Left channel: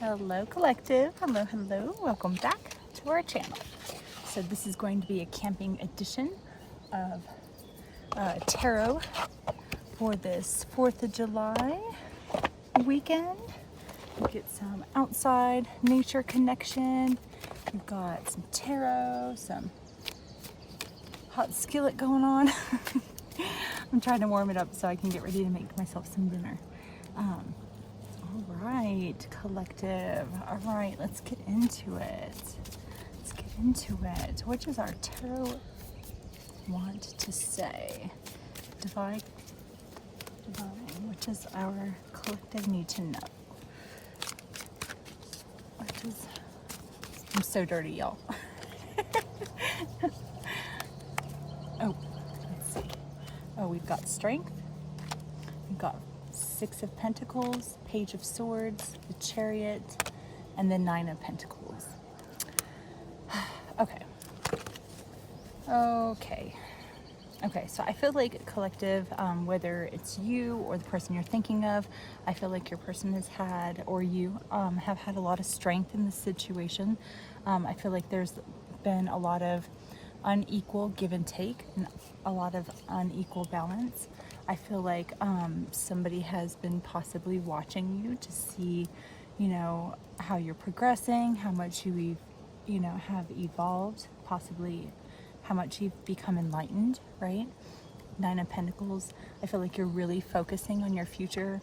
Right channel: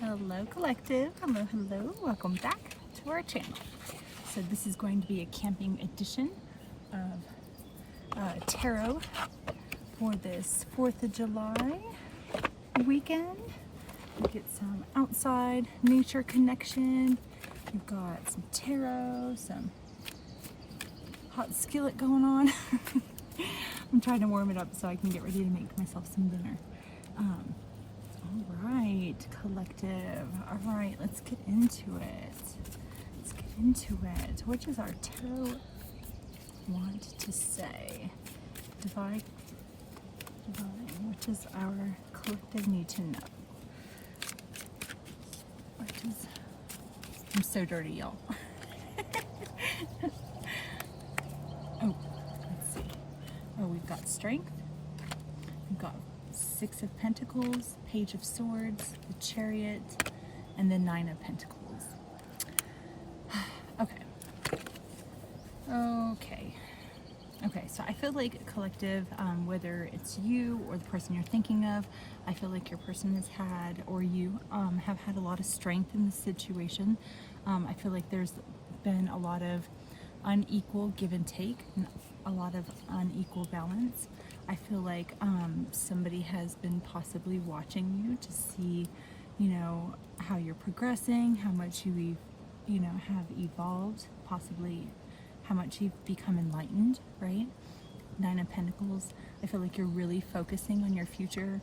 Hello collective, hello, welcome back to our channel. So this is going to be a camping edition of tarot for this 4th of July weekend. We get some outside nature connection. We've got some tarot, some hot skillet going on. I'm trying to warm it up so I can get ready to make myself some dinner. All right, collective. All right, let's get into it. What does our tarot want to say? Divine, what does our collective need to know? I'm so dirty, y'all. Oh, let's see. Oh, we've got strength. We've got 6 of Pentacles, Page of Swords, the Chariot, and the 9 of Pentacles. Okay, so I feel like collective, whether it's you or the person you're thinking of, I feel like your person has had, or you have had a lot of strength in this situation. I feel like there's been a lot of unequal give and take, and a lot of unequal balance. I feel like somebody has been possibly watching you to see, how you're progressing, how much you, have evolved, possibly how much you've become enlightened, right? 9 of Pentacles, I feel like you're really focusing on your future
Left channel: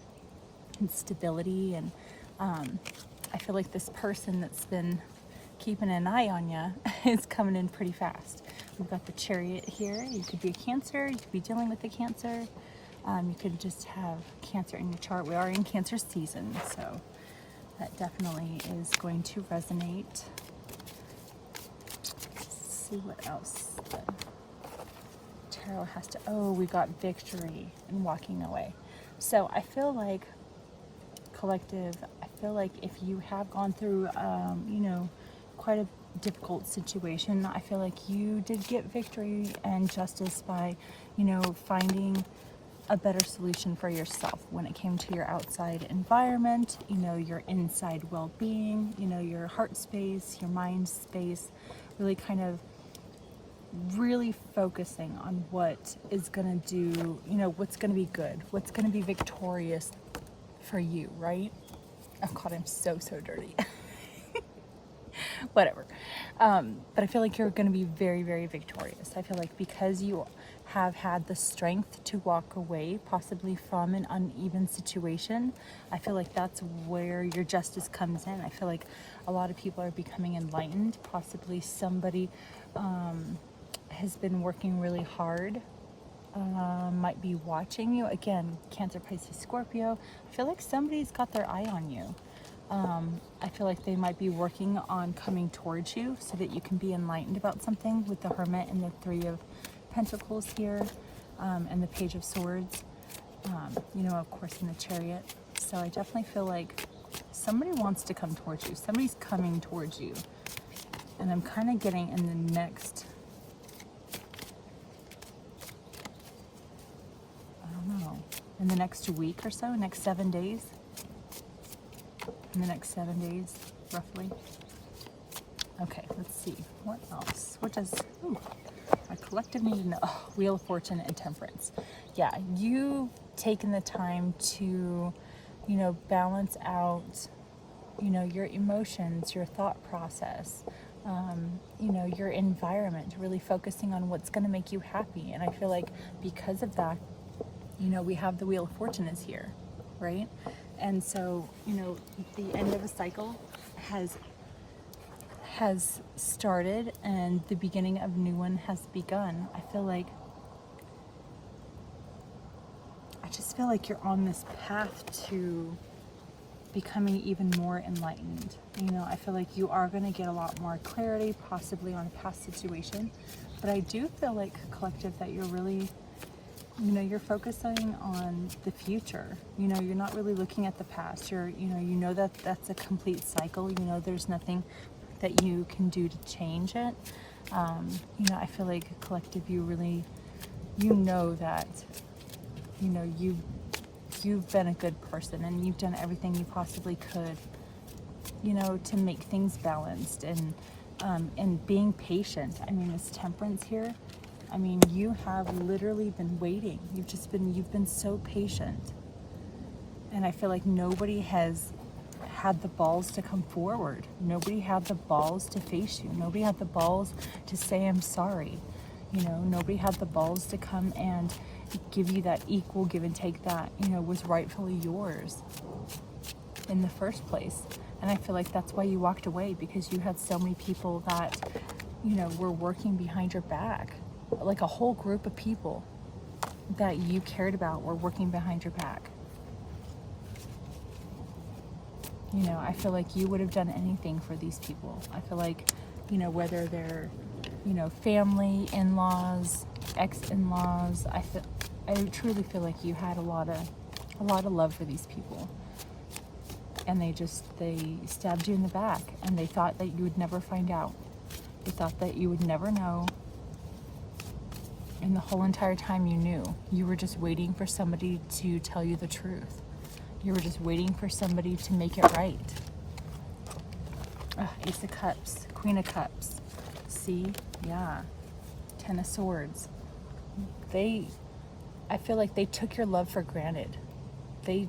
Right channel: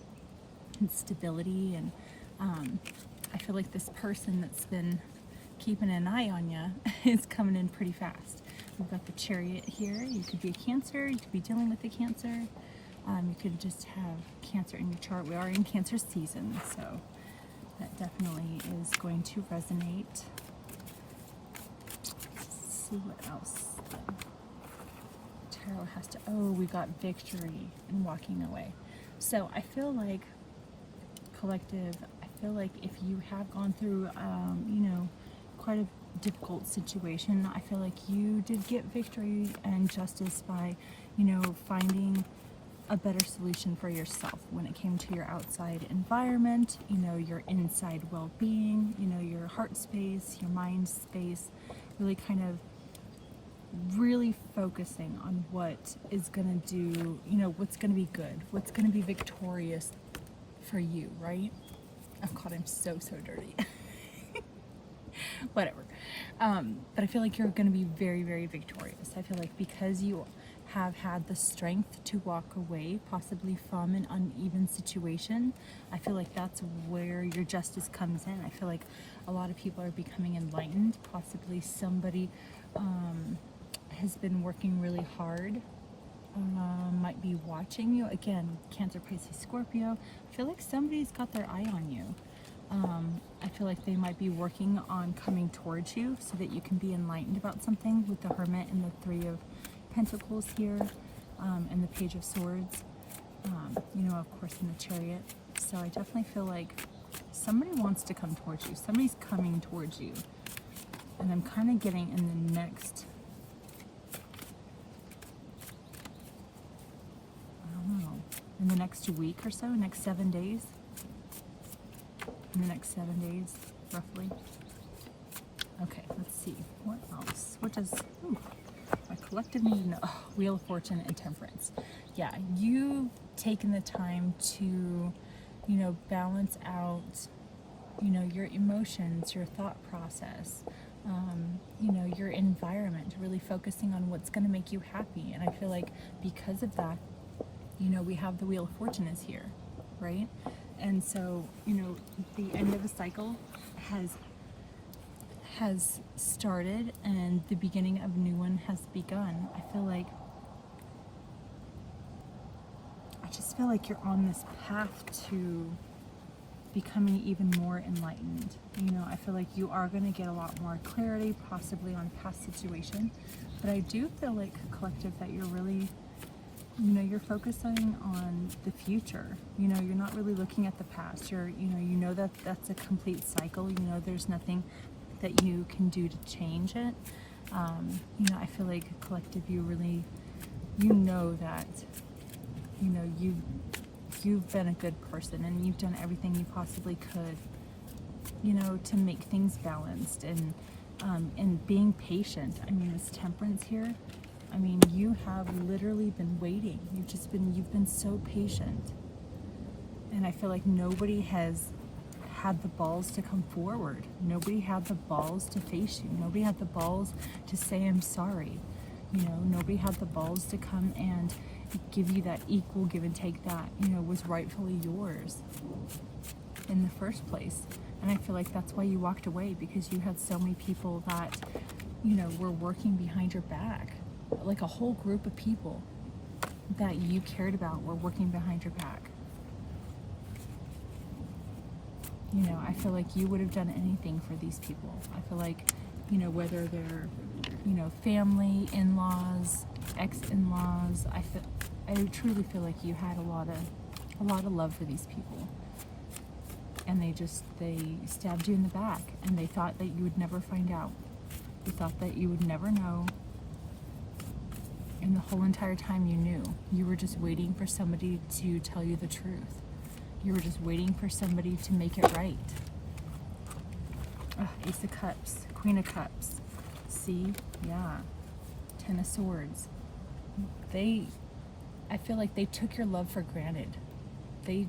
and stability, and I feel like this person that's been keeping an eye on you is coming in pretty fast. We've got the Chariot here. You could be a Cancer, you could be dealing with a Cancer, you could just have Cancer in your chart. We are in Cancer season, so that definitely is going to resonate. Let's see what else the tarot has to. Oh, we've got victory and walking away. So I feel like collective, if you have gone through quite a difficult situation, I feel like you did get victory and justice by finding a better solution for yourself when it came to your outside environment, your inside well-being, your heart space, your mind space, really kind of really focusing on what is going to do, what's going to be good, what's going to be victorious for you, right? Oh God, I'm so dirty. Whatever. But I feel like you're going to be very, very victorious. I feel like because you have had the strength to walk away possibly from an uneven situation, I feel like that's where your justice comes in. I feel like a lot of people are becoming enlightened. Possibly somebody has been working really hard, might be watching you. Again, Cancer, Pisces, Scorpio. I feel like somebody's got their eye on you. I feel like they might be working on coming towards you so that you can be enlightened about something, with the Hermit and the 3 of Pentacles here, and the Page of Swords, of course, in the Chariot. So I definitely feel like somebody wants to come towards you. Somebody's coming towards you. And I'm kind of getting in the next, in the next week or so, next 7 days. In the next 7 days, roughly. Okay, let's see. What else? What does my collective need to know? Oh, Wheel of Fortune and Temperance. Yeah, you've taken the time to, balance out, your emotions, your thought process, your environment, really focusing on what's going to make you happy. And I feel like because of that, we have the Wheel of Fortune is here, right? And so, the end of a cycle has started and the beginning of a new one has begun. I just feel like you're on this path to becoming even more enlightened. I feel like you are going to get a lot more clarity, possibly on past situations. But I do feel like, collective, that you're really, you're focusing on the future. You're not really looking at the past. That that's a complete cycle. There's nothing that you can do to change it. I feel like, collective, you really, that, you've been a good person and you've done everything you possibly could to make things balanced, and being patient. I mean, this temperance here, I mean, you have literally been waiting. You've been so patient. And I feel like nobody has had the balls to come forward. Nobody had the balls to face you. Nobody had the balls to say, I'm sorry. Nobody had the balls to come and give you that equal give and take that, was rightfully yours in the first place. And I feel like that's why you walked away, because you had so many people that, were working behind your back. Like a whole group of people that you cared about were working behind your back. I feel like you would have done anything for these people. I feel like, whether they're, family, in-laws, ex-in-laws, I truly feel like you had a lot of love for these people. And they stabbed you in the back, and they thought that you would never find out. They thought that you would never know. And the whole entire time you knew. You were just waiting for somebody to tell you the truth. You were just waiting for somebody to make it right. Ace of Cups, Queen of Cups. See? Yeah. Ten of Swords. I feel like they took your love for granted. They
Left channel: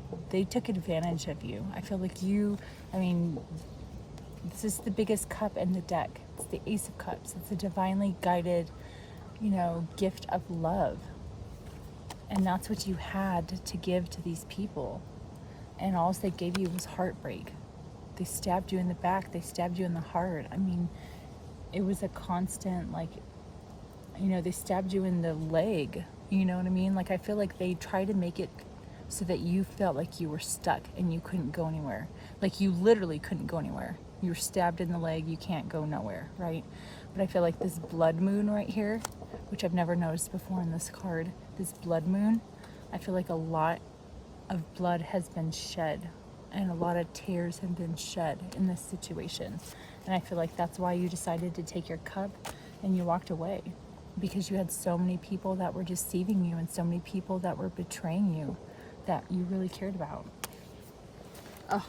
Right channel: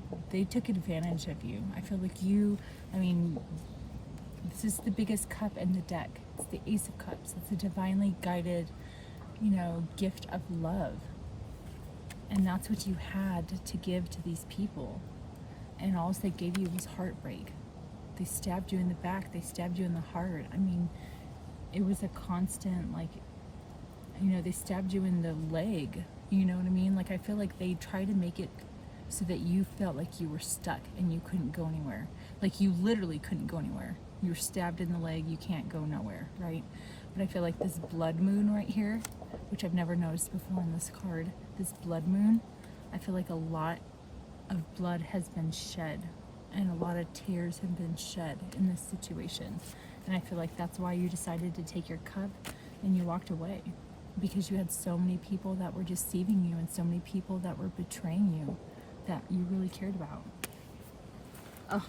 took advantage of you. I feel like this is the biggest cup in the deck. It's the Ace of Cups. It's a divinely guided, gift of love. And that's what you had to give to these people. And all they gave you was heartbreak. They stabbed you in the back. They stabbed you in the heart. I mean, it was a constant, they stabbed you in the leg. You know what I mean? Like, I feel like they tried to make it so that you felt like you were stuck and you couldn't go anywhere. Like, you literally couldn't go anywhere. You were stabbed in the leg. You can't go nowhere, right? But I feel like this blood moon right here, which I've never noticed before in this card, this blood moon, I feel like a lot of blood has been shed, and a lot of tears have been shed in this situation. And I feel like that's why you decided to take your cup and you walked away, because you had so many people that were deceiving you and so many people that were betraying you that you really cared about.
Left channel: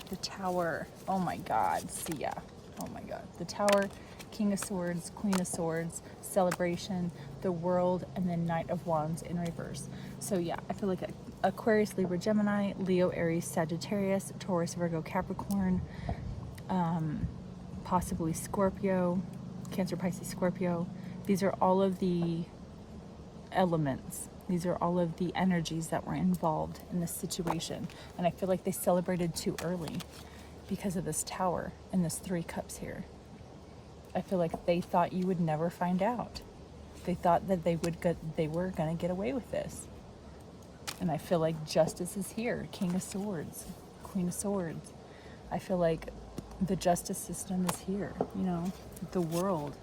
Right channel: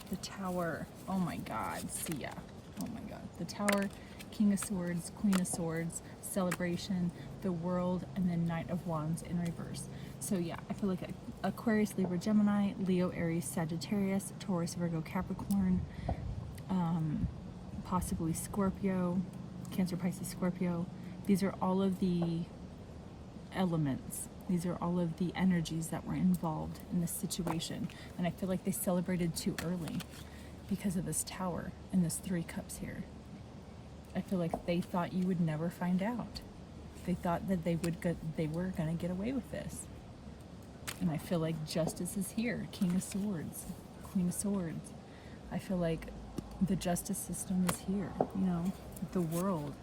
The Tower. Oh my God. See ya. Oh my God. The Tower, King of Swords, Queen of Swords, Celebration, the World, and then Knight of Wands in reverse. So yeah, I feel like Aquarius, Libra, Gemini, Leo, Aries, Sagittarius, Taurus, Virgo, Capricorn, possibly Scorpio, Cancer, Pisces, Scorpio. These are all of the elements. These are all of the energies that were involved in this situation. And I feel like they celebrated too early because of this Tower and this Three Cups here. I feel like they thought you would never find out. They thought that they were going to get away with this. And I feel like justice is here. King of Swords, Queen of Swords. I feel like the justice system is here. The World.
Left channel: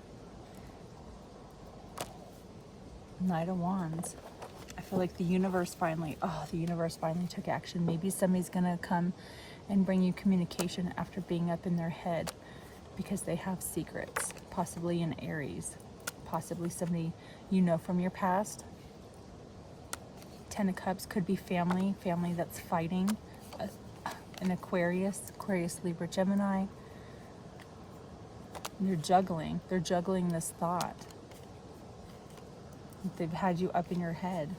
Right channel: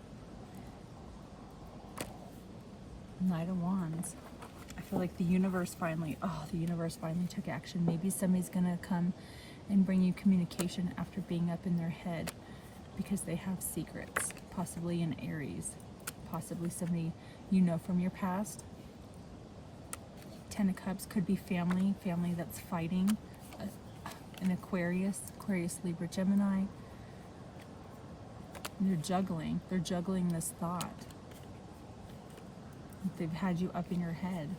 Knight of Wands. I feel like the universe finally took action. Maybe somebody's going to come and bring you communication after being up in their head because they have secrets, possibly an Aries, possibly somebody from your past. Ten of Cups could be family that's fighting. An Aquarius, Libra, Gemini. They're juggling this thought. They've had you up in your head.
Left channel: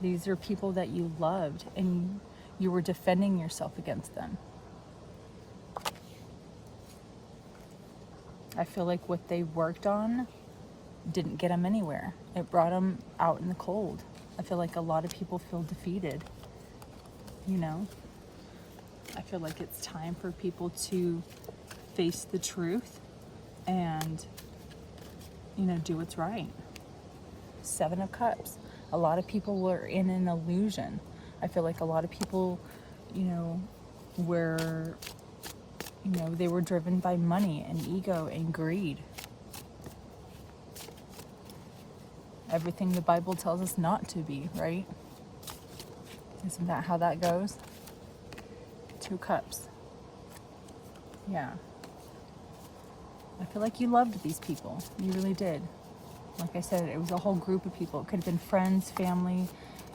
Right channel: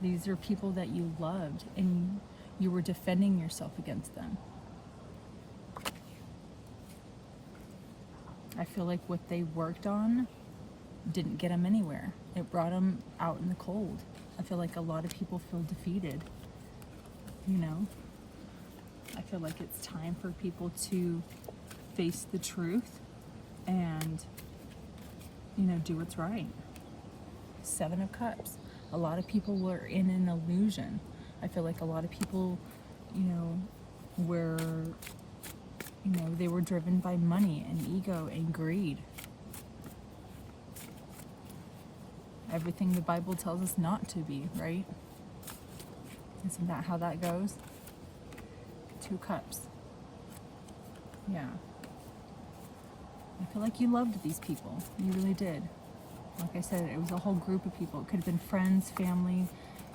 These are people that you loved, and you were defending yourself against them. I feel like what they worked on didn't get them anywhere. It brought them out in the cold. I feel like a lot of people feel defeated. I feel like it's time for people to face the truth and, do what's right. Seven of Cups. A lot of people were in an illusion. I feel like a lot of people, were, they were driven by money and ego and greed. Everything the Bible tells us not to be, right? Isn't that how that goes? Two Cups. Yeah. I feel like you loved these people. You really did. Like I said, it was a whole group of people. It could have been friends, family,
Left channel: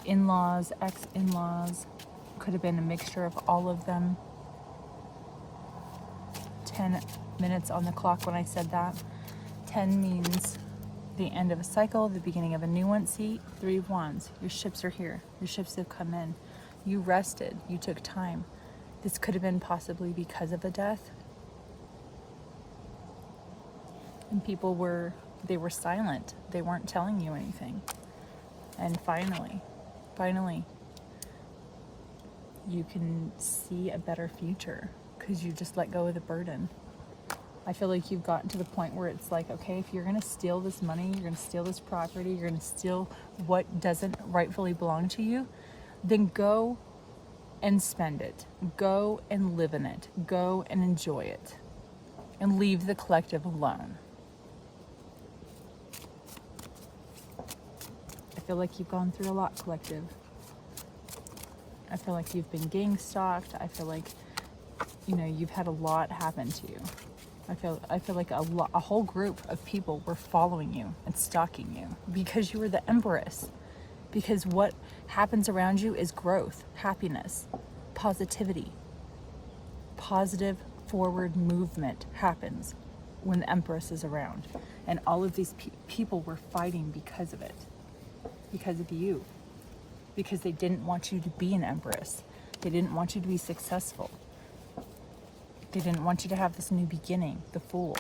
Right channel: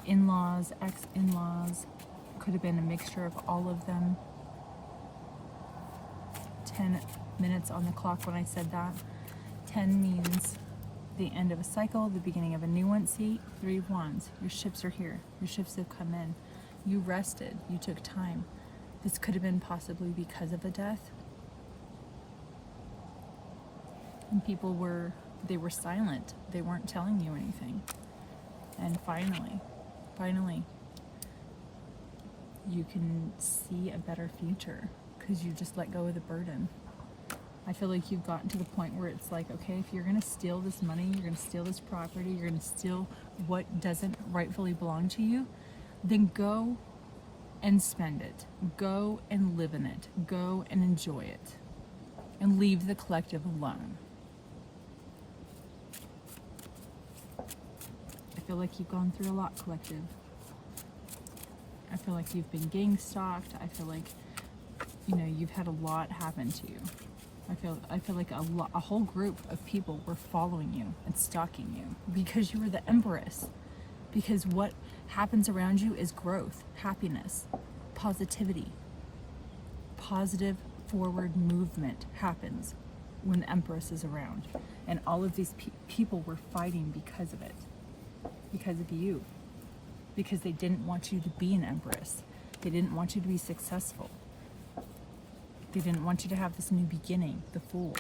in-laws, ex-in-laws. Could have been a mixture of all of them. 10 minutes on the clock when I said that. 10 means the end of a cycle, the beginning of a new one. See, 3 of Wands. Your ships are here. Your ships have come in. You rested. You took time. This could have been possibly because of a death. And people were silent. They weren't telling you anything. And finally, you can see a better future because you just let go of the burden. I feel like you've gotten to the point where it's like, okay, if you're going to steal this money, you're going to steal this property, you're going to steal what doesn't rightfully belong to you, then go and spend it. Go and live in it. Go and enjoy it. And leave the collective alone. I feel like you've gone through a lot, collective. I feel like you've been gang stalked. I feel like, you've had a lot happen to you. I feel like a whole group of people were following you and stalking you because you were the Empress. Because what happens around you is growth, happiness, positivity. Positive forward movement happens when the Empress is around. And all of these people were fighting because of it. Because of you. Because they didn't want you to be an Empress. They didn't want you to be successful. They didn't want you to have this new beginning, the Fool.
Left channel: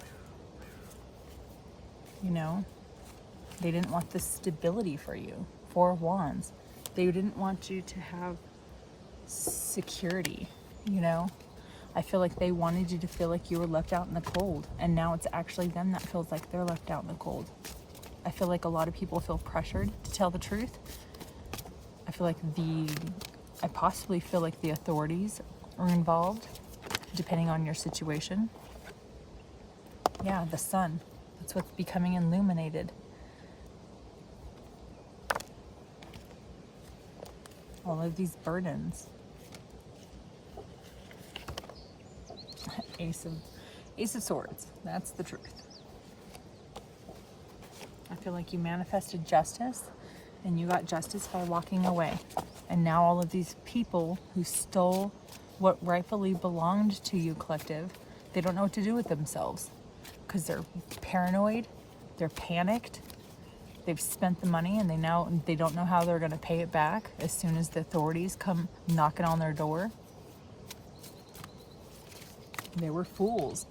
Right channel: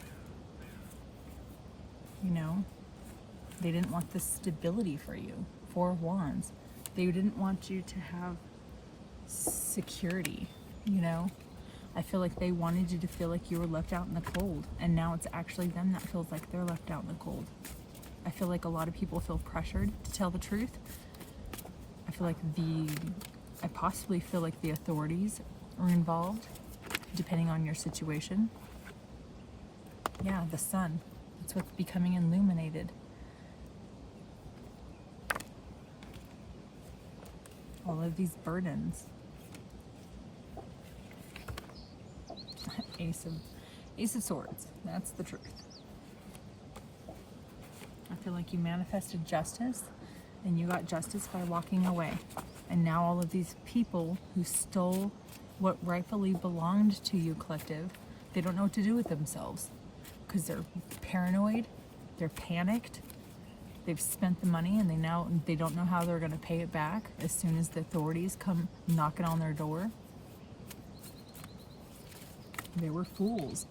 They didn't want this stability for you. 4 of Wands. They didn't want you to have security, I feel like they wanted you to feel like you were left out in the cold. And now it's actually them that feels like they're left out in the cold. I feel like a lot of people feel pressured to tell the truth. I possibly feel like the authorities are involved, depending on your situation. Yeah, the sun. That's what's becoming illuminated. All of these burdens. Ace of Swords. That's the truth. I feel like you manifested justice, and you got justice by walking away. And now all of these people who stole what rightfully belonged to you, collective, they don't know what to do with themselves because they're paranoid, they're panicked, they've spent the money, and they don't know how they're going to pay it back as soon as the authorities come knocking on their door. They were fools.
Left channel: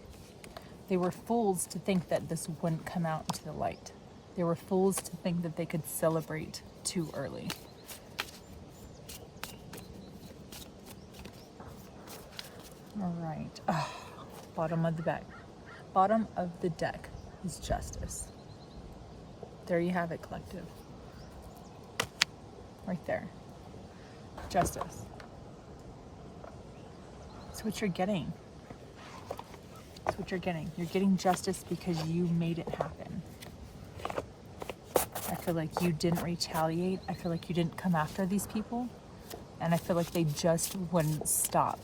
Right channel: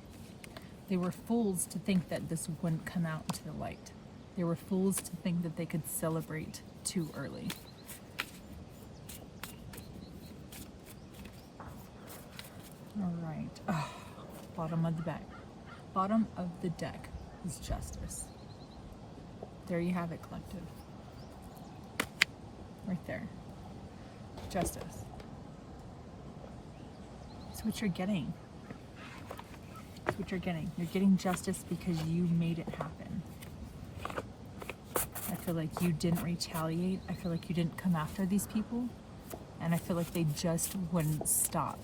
They were fools to think that this wouldn't come out into the light. They were fools to think that they could celebrate too early. All right. Bottom of the deck. Bottom of the deck is justice. There you have it, collective. Right there. Justice. That's what you're getting. That's what you're getting. You're getting justice because you made it happen. I feel like you didn't retaliate. I feel like you didn't come after these people. And I feel like they just wouldn't stop.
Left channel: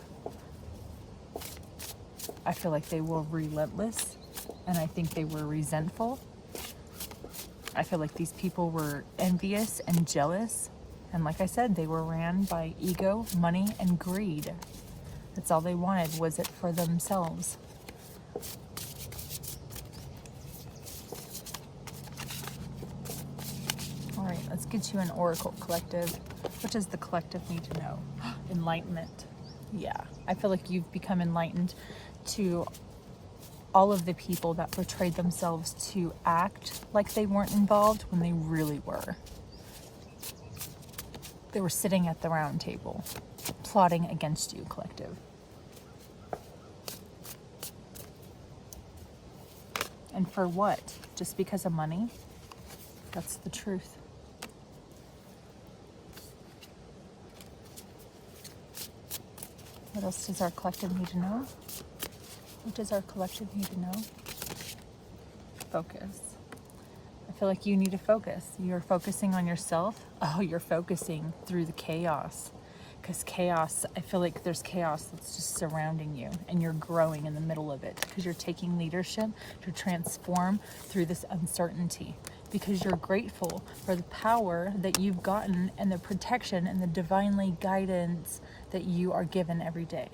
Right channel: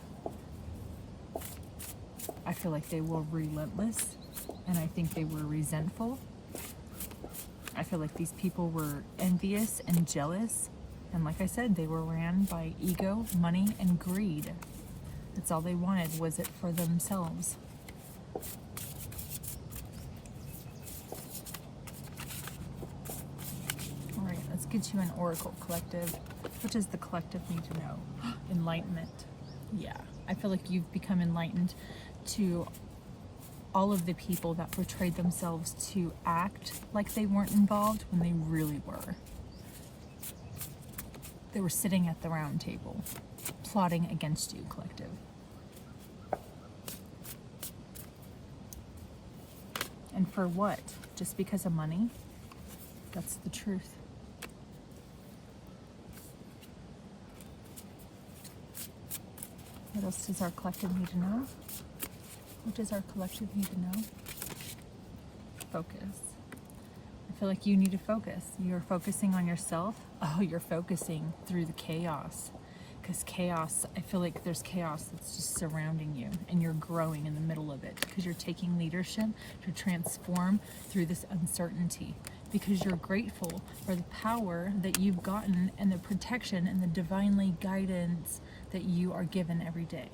I feel like they were relentless. And I think they were resentful. I feel like these people were envious and jealous. And like I said, they were ran by ego, money, and greed. That's all they wanted, was it for themselves. All right, let's get you an oracle, collective. What does the collective need to know? Enlightenment. Yeah, I feel like you've become enlightened to all of the people that portrayed themselves to act like they weren't involved when they really were. They were sitting at the round table, plotting against you, collective. And for what? Just because of money? That's the truth. What else does our collective need to know? What does our collective need to know? Focus. I feel like you need to focus. You're focusing on yourself. Oh, you're focusing through the chaos. Because chaos, I feel like there's chaos that's just surrounding you. And you're growing in the middle of it. Because you're taking leadership to transform through this uncertainty. Because you're grateful for the power that you've gotten and the protection and the divinely guidance that you are given every day.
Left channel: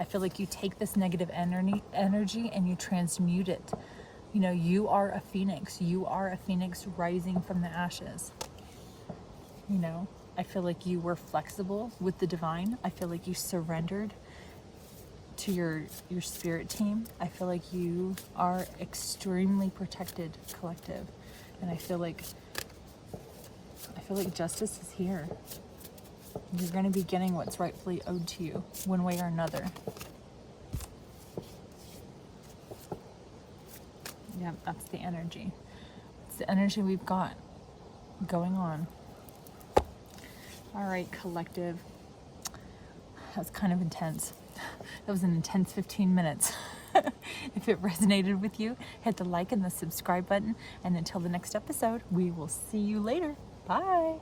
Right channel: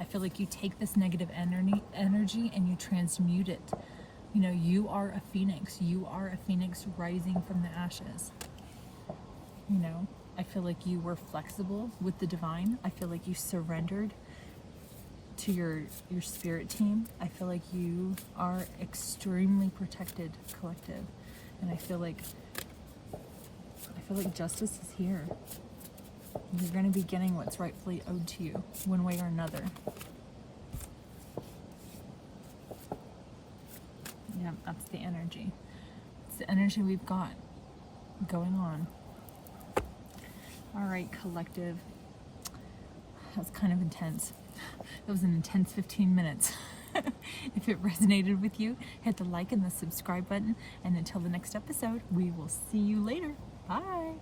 I feel like you take this negative energy and you transmute it. You know, you are a phoenix. You are a phoenix rising from the ashes. You know, I feel like you were flexible with the divine. I feel like you surrendered to your spirit team. I feel like you are extremely protected, collective. And I feel like justice is here. You're going to be getting what's rightfully owed to you, one way or another. Yeah, that's the energy. It's the energy we've got going on. All right, collective. That's kind of intense. That was an intense 15 minutes. If it resonated with you, hit the like and the subscribe button. And until the next episode, we will see you later. Bye.